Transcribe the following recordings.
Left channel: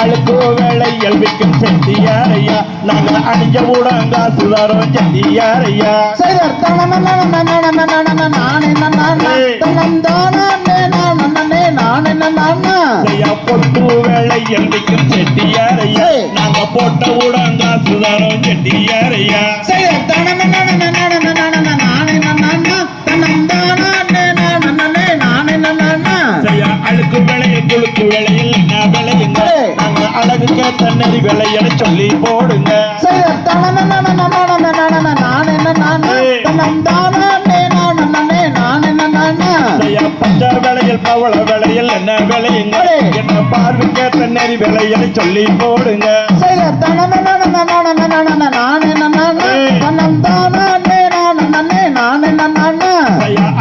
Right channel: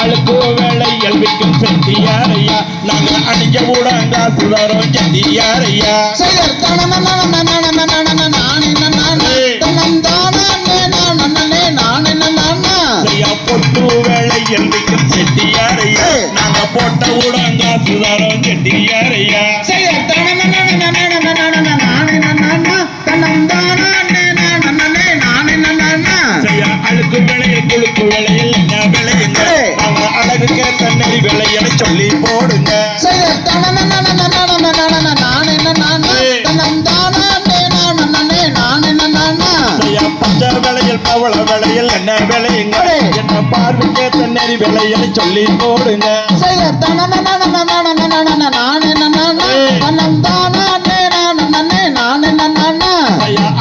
அழுக்கு வேலையில் விற்கும் செட்டியாரையா நாங்க அணிஞ்ச ஊடங்க சுடரும் செட்டியாரையா பொட்டு வேலையில் விற்கும் செட்டியாரையா நாங்க போட்ட ஊடங்க சுடரும் செட்டியாரையா அழுக்கு வேலையில் குழுக்கு வேலையில் என்ன விளையுங்க அழகுக்கு தண்ணறி விளையன்னு சொல்லி போடுங்க. பச்சை விளையில் பவள விளையில் என்ன விளையுங்க என்ன பார்வைக்கு தண்ணறி விளையன்னு சொல்லி போடுங்க.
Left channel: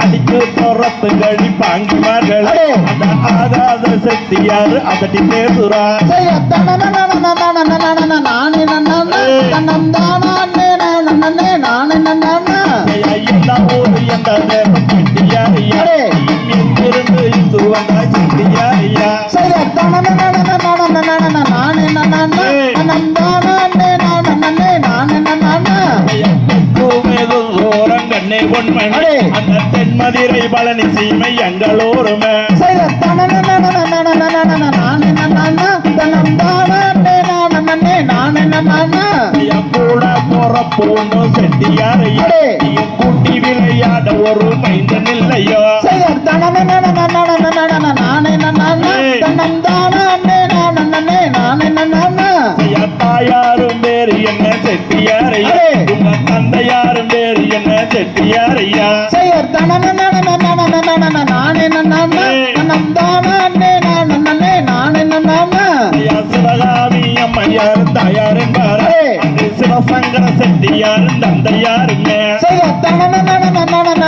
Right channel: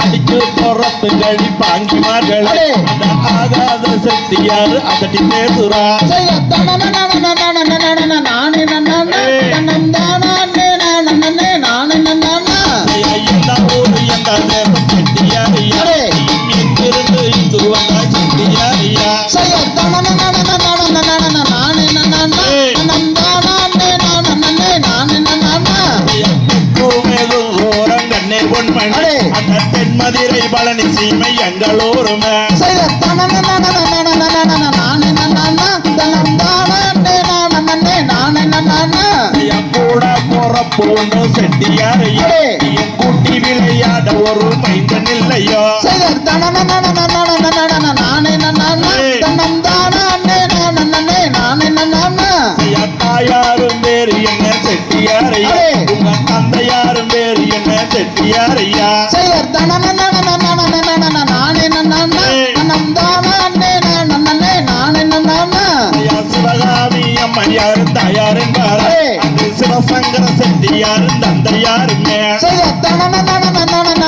அடிக்கு பொறப்பு கழி பாங்கிமார்கள் அந்த ஆகாத சக்தியார் அதட்டி பேசுறா பொன்மணி அந்த தென்மதிரை பழனி சீமை எங்களோருமே செட்டியாரையா நீயும் கூட்டி விளையாட ஒரு மைந்தன் இல்லையோ தாயாரும் பேரு என்ன செட்டியாரையா உங்க தந்தையாரும் பேரு என்ன செட்டியாரையா சிவகாமி அம்மையாரும் தாயாரும் பாரு அது சிவசங்கர செட்டியாரும் தந்தையாருமே நானே